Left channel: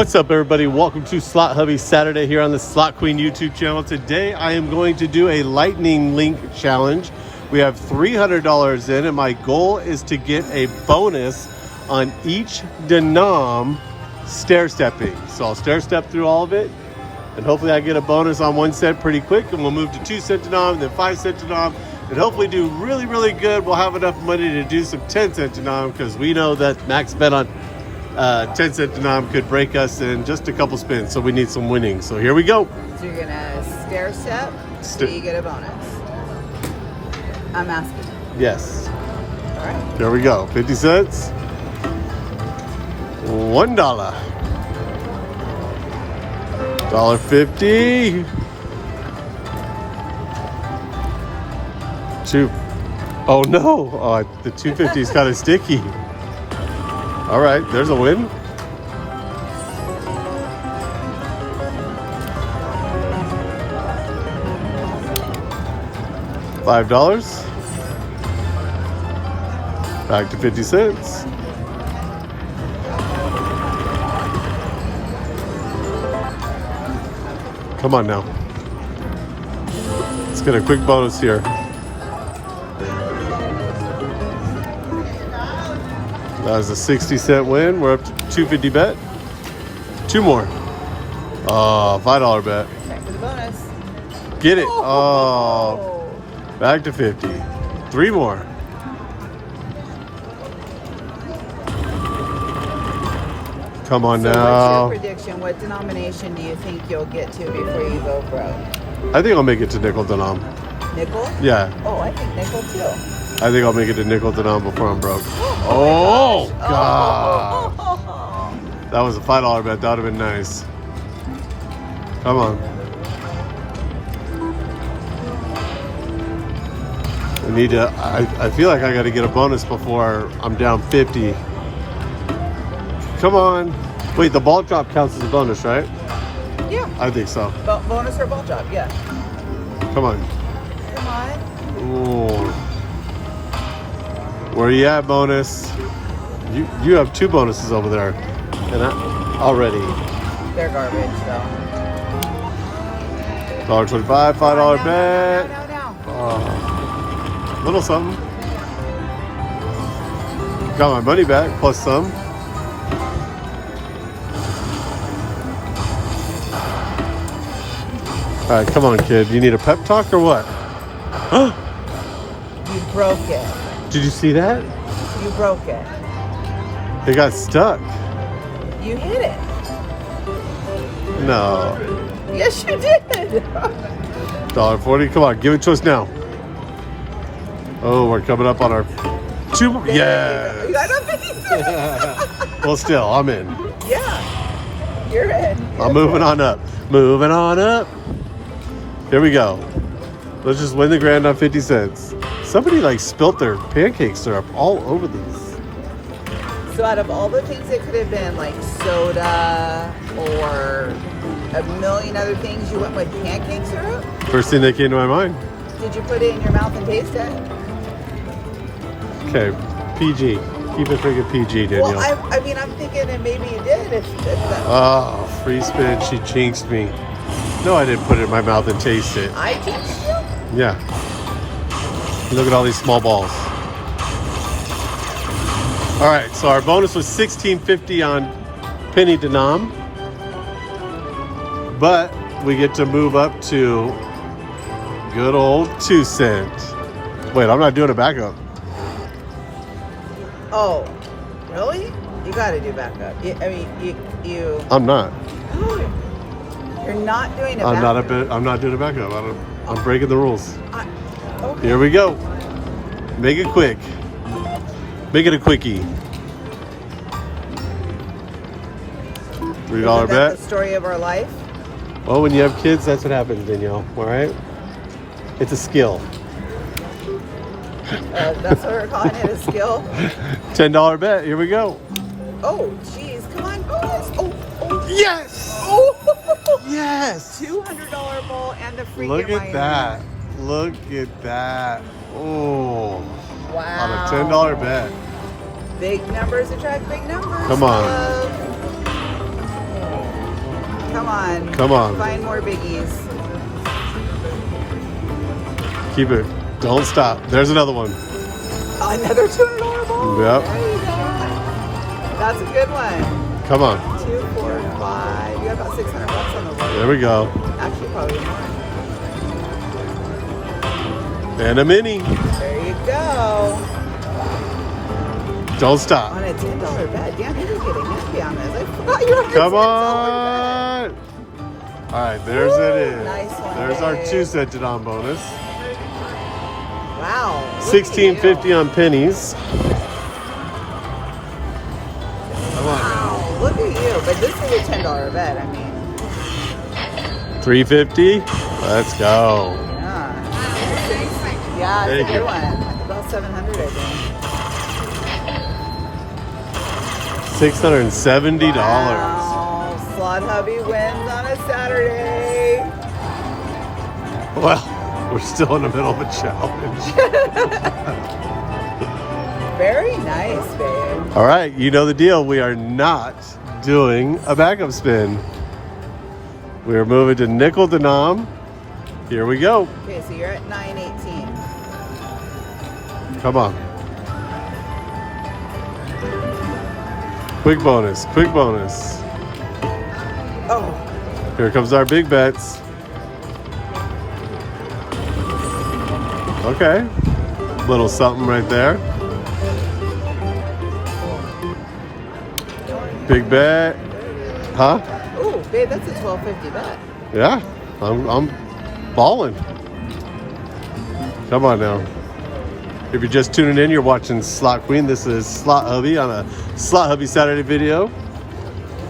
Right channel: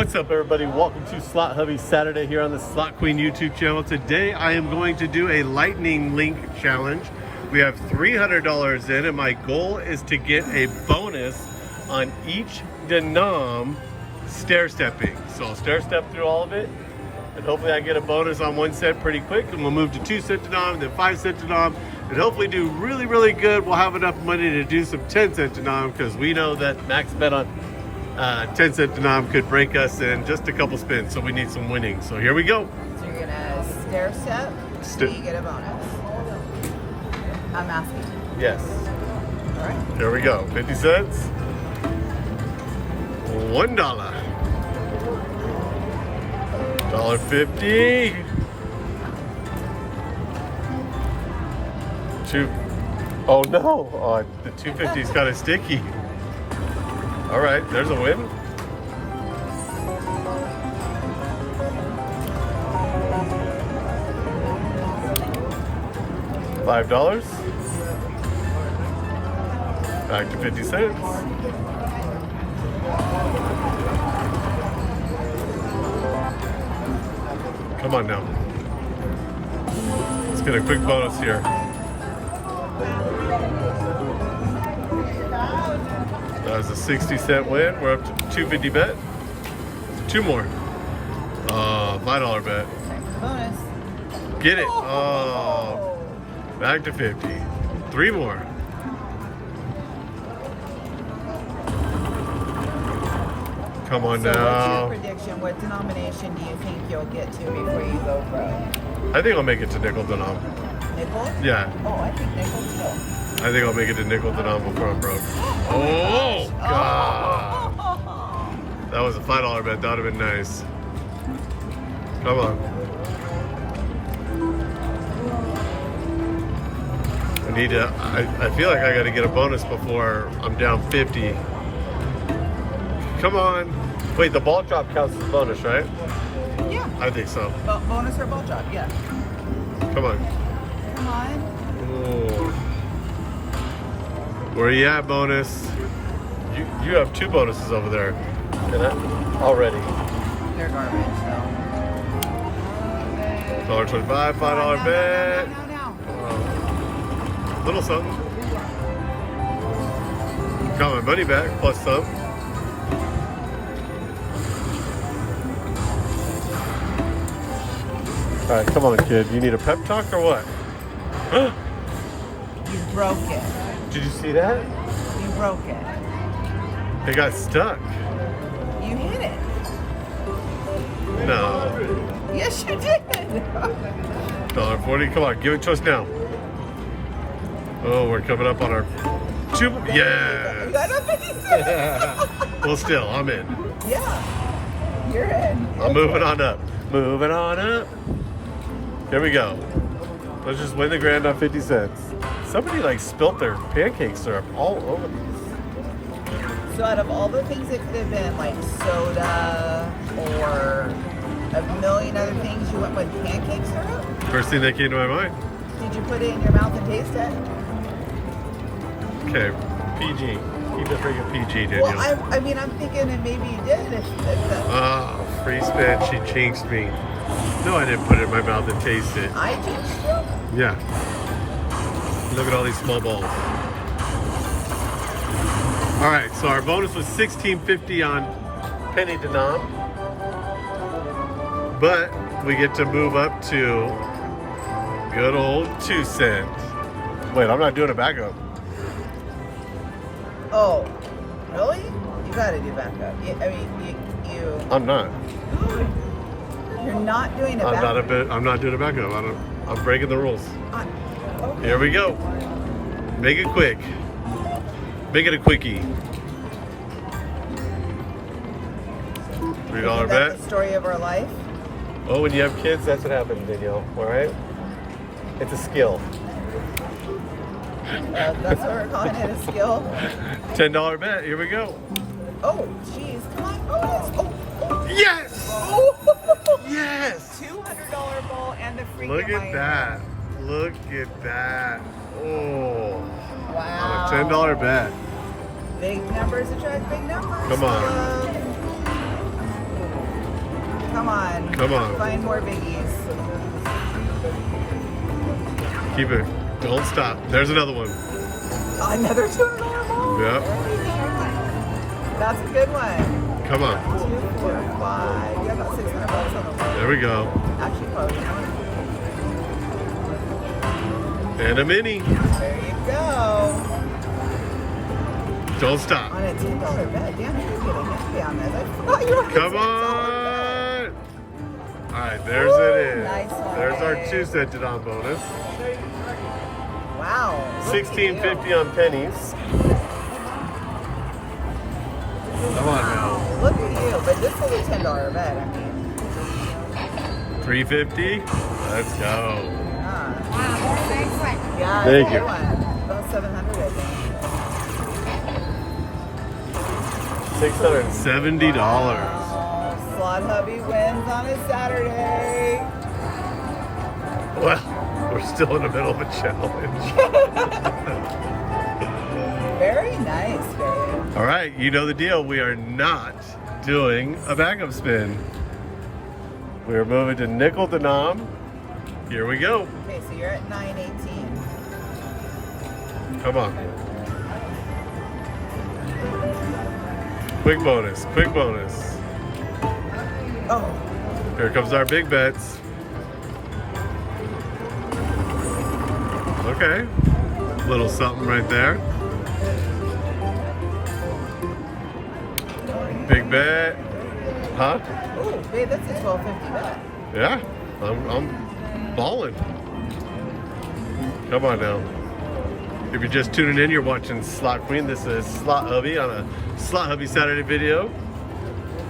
What's up, everybody? Welcome to Slot Hubby Saturday here on the Slot Queen YouTube channel. Today I am going to do a lightning link challenge. We have $300 in and my goal is to get a bonus on each denom stair stepping. So I'll stair step through all of it and hopefully I get a bonus on 1 cent pretty quick, and we'll move to 2 cent denom, then 5 cent denom, and hopefully do really good. We'll have enough money to do some 10 cent denom because we know that max bet on 10 cent denom could break us in just a couple spins, so we need some winnings. So here we go. So you're gonna stair step, so you get a bonus. I'm asking. Yes. All right. There we go. 50 cents. $1. $1.50. Oh no! The 250 is kind of sticky. All right, there's a win. $5. Back to 50 cents. Come on now. Let's get a quick bonus here. That was a 60-cent win. We're up to 250 bet. 2 more. $5 bet. Get it. Oh, back to 50. 3 more. Come on now. What's your prediction? What denomination do you think you'll get to before you go broke? I think I'll make it to nickel denom. Nickel? Yeah. Oh, I think nickel too. I think I'll make it to nickel denom before I'm broke. Oh, God. That was a $5 bet. That would have been nice. Come on. We need to, I feel like I got to get a bonus before I'm down 50. Come on. Wait, the ball drop counts as a bonus, right? Yeah. I think so. Bonus for ball drop, yeah. Come on. Come on. Ooh. Where you at, bonus? You have 2 bonuses over there. Already. They're garbage, though. $1.25, $5 bet. No. Little something. Got my money back, plus some. All right, come on, kid. You need a pep talk or what? Huh? You broke it. Did you see that? You broke it. It got stuck. You hit it. No. Yes, you did. $1.40. Come on, give it to us now. Oh, we're coming up on our 2. Yes. You got a 50 cents. Well, still, I'm in. Yeah. You're in. I'm moving on up. Moving on up. Here we go. Let's just win the grand on 50 cents. Somebody like spilt their pancake syrup all over this. So out of all the things that could have been like soda or a million other things, you went with pancake syrup? First thing that came to my mind. Did you put it in your mouth and taste it? Okay, PG. Keep it freaking PG, Danielle. Well, I mean, I'm thinking that maybe you did. Oh, free spin. She jinxed me. No, I didn't put it in my mouth and taste it. I jinxed it. Yeah. Look at all these small balls. All right, so our bonus was $16.50 on penny denom, but we get to move up to good old 2 cents. Wait, I'm not doing a backup. Oh, really? You got to do backup. You. I'm not. You're not doing a I'm backup. I'm not doing a backup. I'm breaking the rules. Okay. Here we go. Make it quick. Make it a quickie. $3 Isn't that bet. the story of our life. Oh, when you have kids, that's what happens, Danielle. All right? It's a skill. Well, that's what we're calling it, a skill. $10 bet. Here we go. Oh, jeez. Come on, bonus. Oh. Yes! Oh. Yes! $200 ball and a free. Look at that. Look at that. Oh. Wow. On a $10 bet. Big numbers attract big numbers. Come on. Come on. Find more biggies. Keep it. Don't stop. There's another one. Another $200. Yep. That's a good one. Come on. 2, 4, 5. You have about 600 bucks. There we go. And a mini. There you go. Don't stop. On a $10 bet. Yeah, you're getting it. Yeah, I forgot you were Come on. All right, there's it is. Nice one. There's our 2-cent denom bonus. Wow. $16.50 on pennies. Come on now. Look at you. But this is a $10 bet. I mean. $3.50. Let's go. Yeah, Thank you. About 700. $670. Wow. Slot Hubby wins on a Saturday. Well, we're still in the middle of a challenge. Very nice, babe. All right, you know the deal. We are not doing a backup spin. We're moving to nickel denom. Here we go. Okay, so you're at 918. Come on. Quick bonus, quick bonus. Oh, Here comes our big bets. Okay. Little something right there. Big bet. Huh? ooh, babe, that's a $12.50 bet. Yeah. I'm balling. Come on now. If you're just tuning in, you're watching Slot Queen. This is Slot Hubby on a Slot Hubby Saturday video.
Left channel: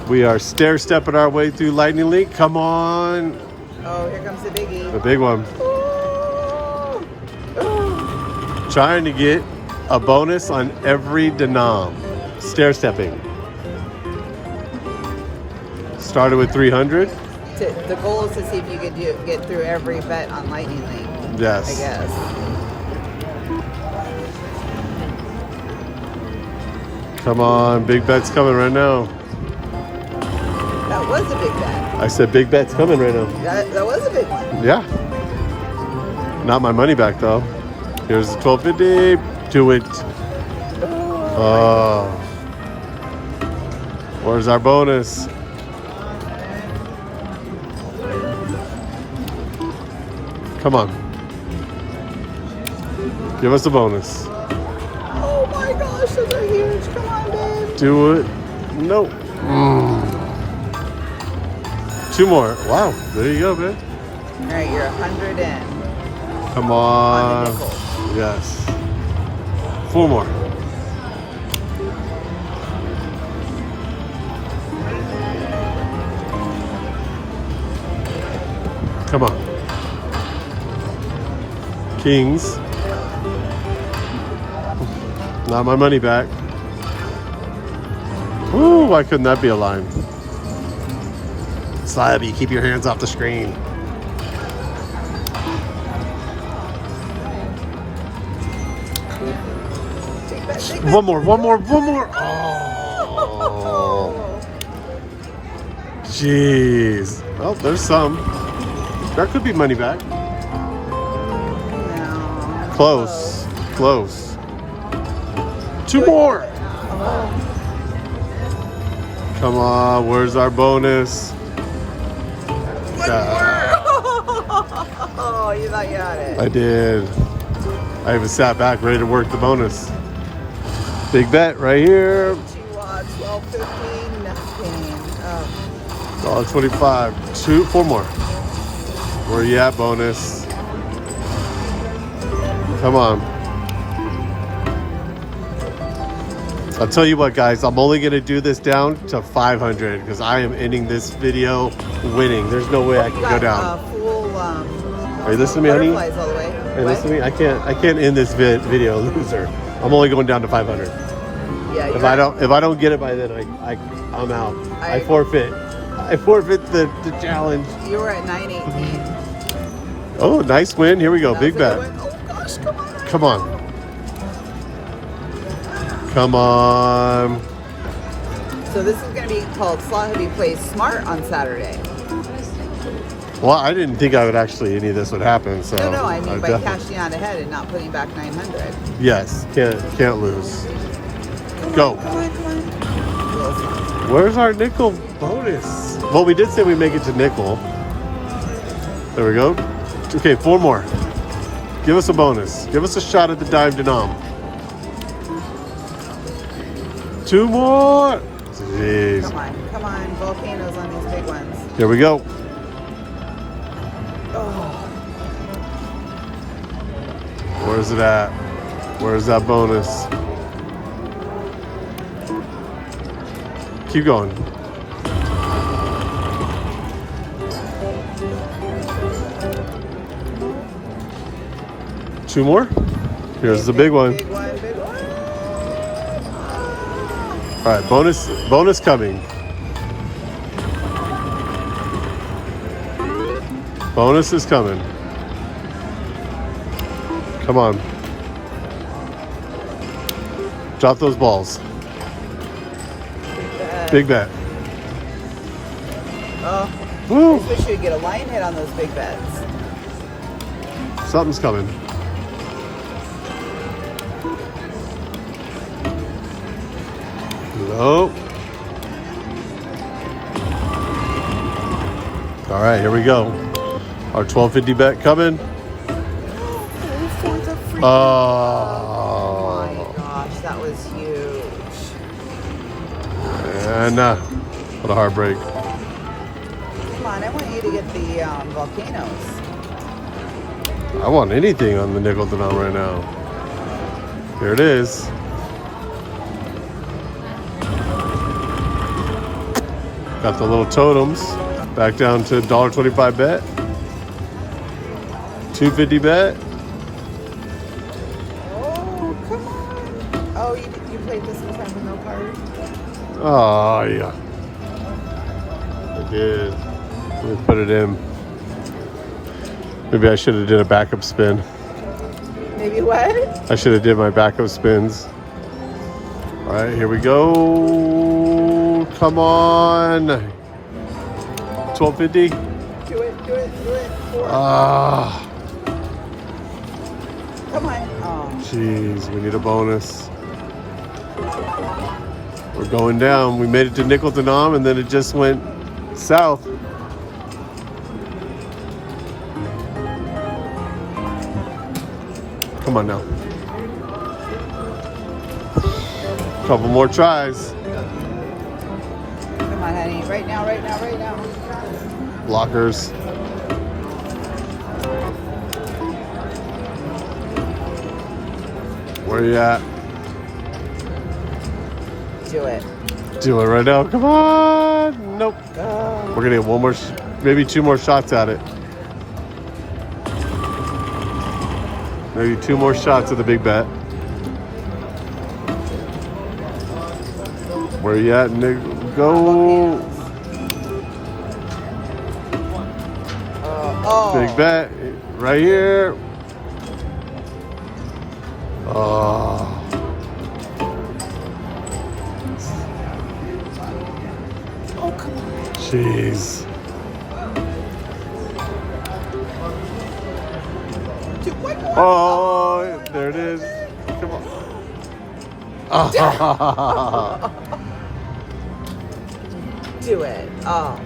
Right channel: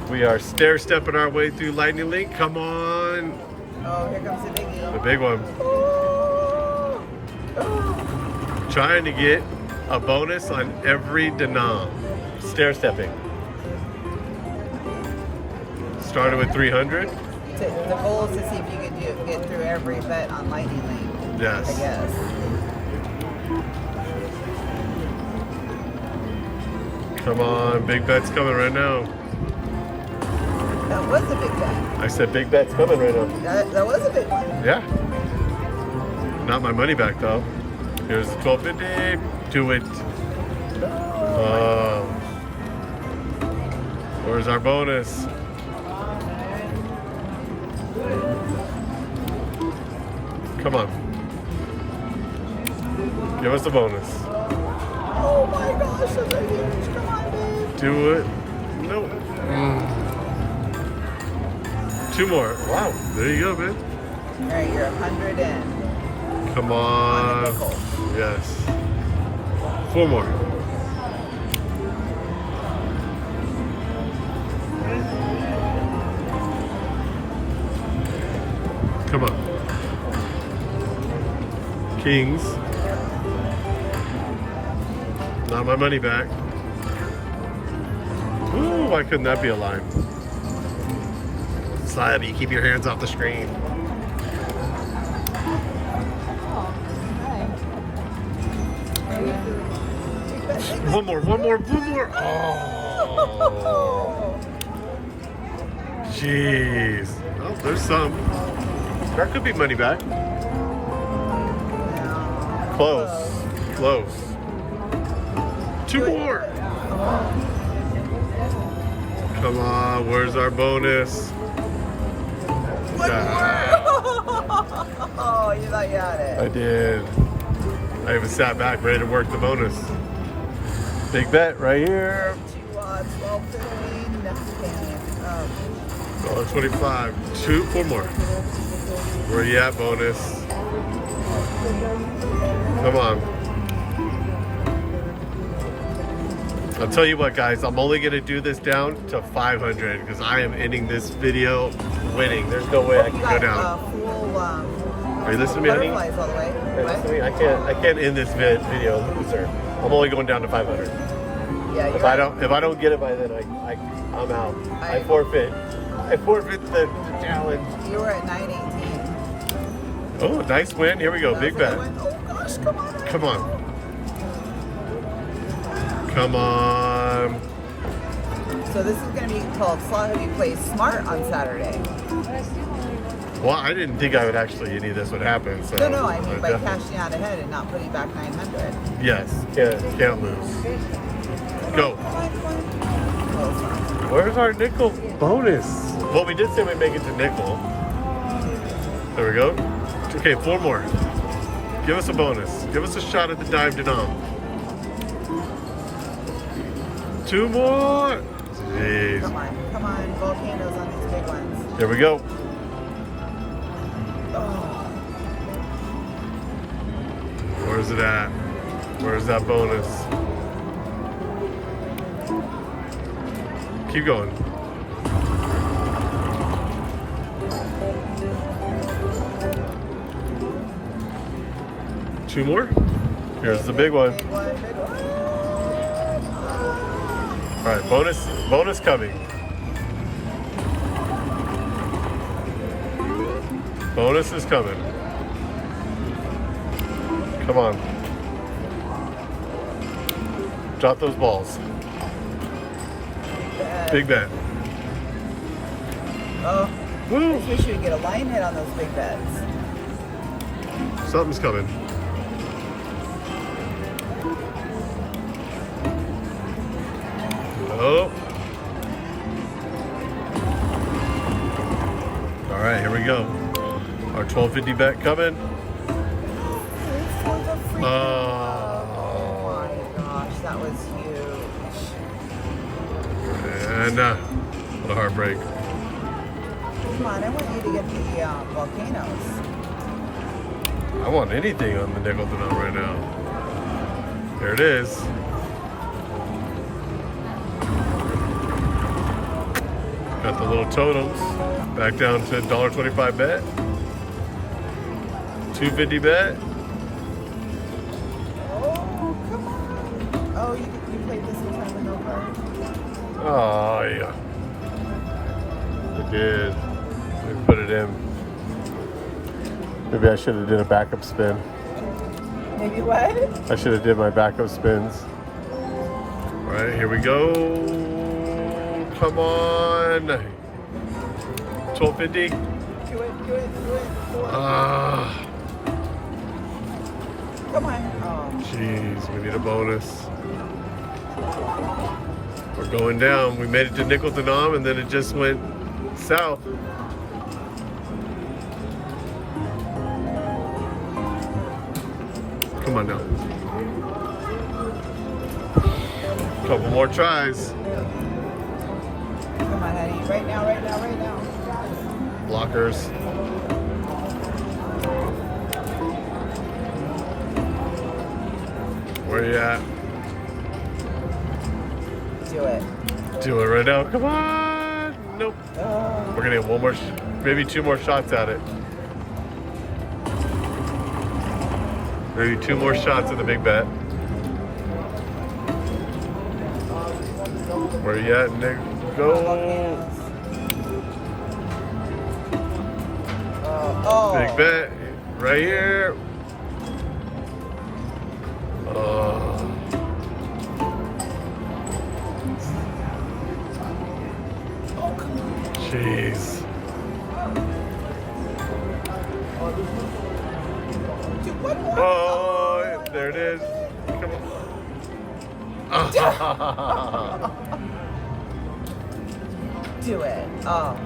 We are stair-stepping our way through Lightning Link. Come on. Oh, here comes the biggie. The big one. Trying to get a bonus on every denom. Stair-stepping. Started with 300. The goal is to see if you could get through every bet on Lightning Link. Yes. I guess. Come on, big bet's coming right now. That was a big bet. I said big bet's coming right now. That was a big bet. Yeah. Not my money back though. Here's the $12.50. Do it. Where's our bonus? Come on. Give us a bonus. Oh my gosh, those are huge. Come on, babe. Do it. Nope. Two more. Wow. There you go, man. All right, you're 100 in. Come on. Yes. 4 more. Come on. Kings. Not my money back. Ooh, why couldn't that be a line? Slabby, keep your hands off the screen. One more. Oh. Jeez. Well, there's some. There could be money back. Close. 2 more. Come on, where's our bonus? Oh, you thought you had it. I did. I even sat back ready to work the bonus. Big bet right here. 12.15 minutes payment. $1.25. 4 more. Where you at, bonus? Come on. I'll tell you what, guys, I'm only going to do this down to 500 because I am ending this video winning. There's no way I can go down. Are you listening to me, honey? Are you listening to me? I can't end this video loser. I'm only going down to 500. Yeah, If I don't get it by then, I'm out. I forfeit. I forfeit the challenge. You were at 918. Oh, nice win. Here we go. Big bet. Come on. Come on. So this is going to be called Slot Hubby Plays Smart on Saturday. Well, I didn't think I would actually, any of this would happen, so. No, I mean by def- cashing out ahead and not putting back 900. Yes, can't lose. Go. Where's our nickel bonus? Well, we did say we make it to nickel. There we go. Okay, 4 more. Give us a bonus. Give us a shot at the dime denom. 2 more. Jeez. Come on, volcanoes on these big ones. Here we go. Where's it at? Where's that bonus? Keep going. Two more. Here's the big one. All right, bonus coming. Bonus is coming. Come on. Drop those balls. Big bet. Woo! I wish you would get a line hit on those big bets. Something's coming. Nope. All right, here we go. Our 1250 bet coming. Oh gosh, that was huge. And what a heartbreak. Come on, I want you to get the volcanoes. I want anything on the nickel denom right now. Here it is. Got the little totems. Back down to $1.25 bet. $2.50 bet. Oh, you played this in time. Oh, yeah. I did. Let me put it in. Maybe I should have did a backup spin. Maybe what? I should have did my backup spins. All right, here we go. Come on. 1250. Do it. Ah. Come on. Jeez, we need a bonus. We're going down. We made it to nickel denom and then it just went south. Come on now. Couple more tries. Come on, honey. Right now. Blockers. Where you at? Do it. Do it right now. Come on. Nope. We're gonna get one more, maybe 2 more shots at it. Maybe 2 more shots at the big bet. Where you at, Nick? Go. Big bet. Right here. Oh. Jeez. Oh, there it is. Come on. Oh. Do it. Oh.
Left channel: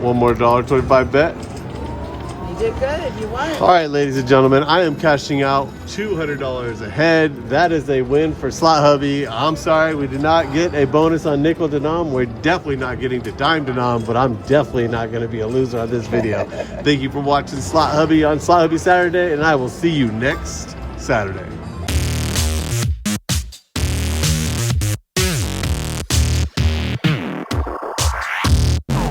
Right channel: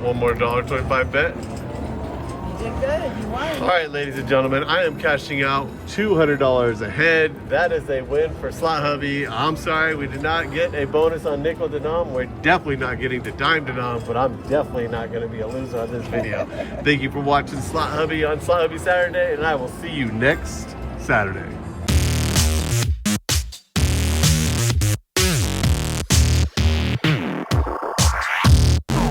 One more $1.25 bet. You did good. You won. All right, ladies and gentlemen, I am cashing out $200 ahead. That is a win for Slot Hubby. I'm sorry we did not get a bonus on nickel denom. We're definitely not getting the dime denom, but I'm definitely not going to be a loser on this video. Thank you for watching Slot Hubby on Slot Hubby Saturday, and I will see you next Saturday.